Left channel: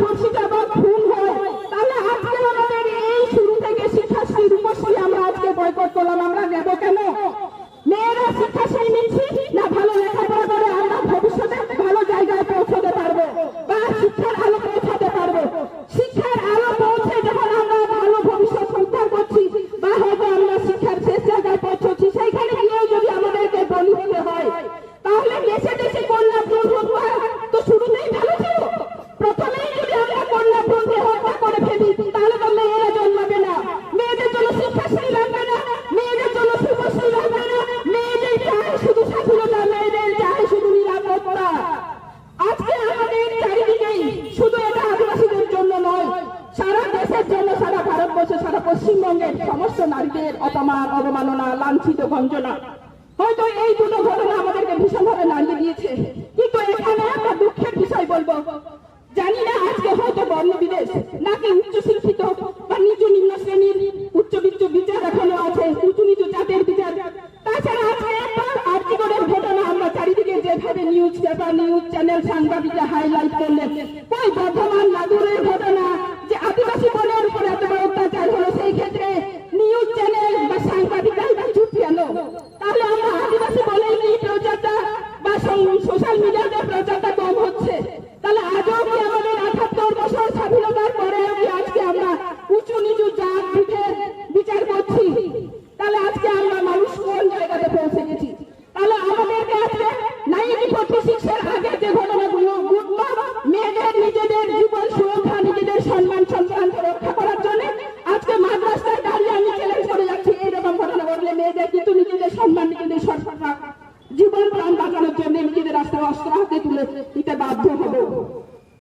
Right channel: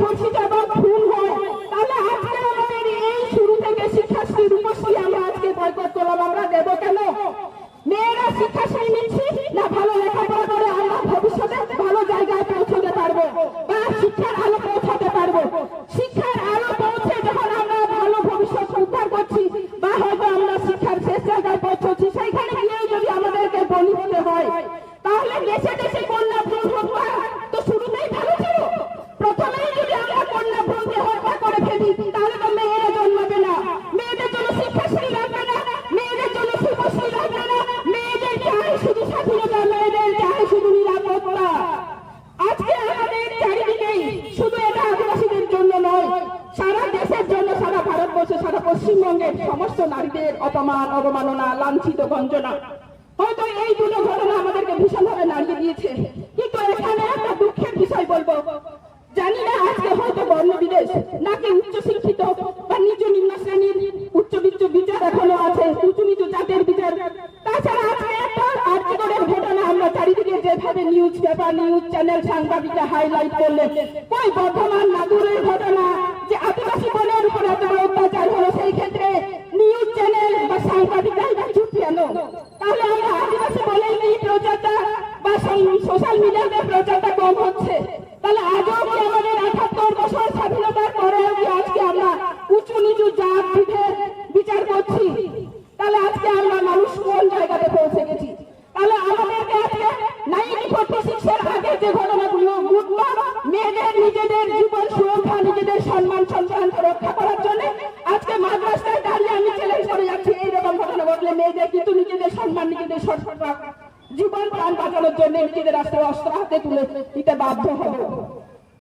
ধর্ষিত এবং খুন হয়, তাহলে আজকে আমরা আজকে বয়কট করলাম, আমরা নেব কেন? মেয়েরা শিক্ষাশ্রী নিচ্ছি না ভালো পশ্চিমবঙ্গের সমস্ত নারীদের অপমান, অবমাননা, লাঞ্ছিত, গঞ্জনা। হয়তো এই দুটো ঘটনা আমাদেরকে ভীষণভাবে নাড়িয়ে দিয়েছে। কিন্তু এখানে একটা দুঃখের বিষয় বলব। জানি না আজকে হয়তো বর্ণ বিদেশ নাকি উচ্চ শিক্ষিত বা নিচু নিম্ন শ্রেণির উচ্চ বিচ্চ বিচার এখনও আছে, উঁচু নিচু জাতের বিচার। তাছাড়া আজকে একটা আর ঘটনা আমরা চারিদিকে যেভাবে নিউজ পেপার নিউজ চ্যানেল সাংবাদিকরা হাইলাইট করলেন, ওই বর্ধমান ঘটলে মেয়েদের কিন্তু নিজেদের সম্মান নিজেদের সরকার জীবন প্রাণ বাঁচানোর জন্য নিজেদের রাস্তায় অস্ত্র হাতে তুলে দিতে বাধ্য হব।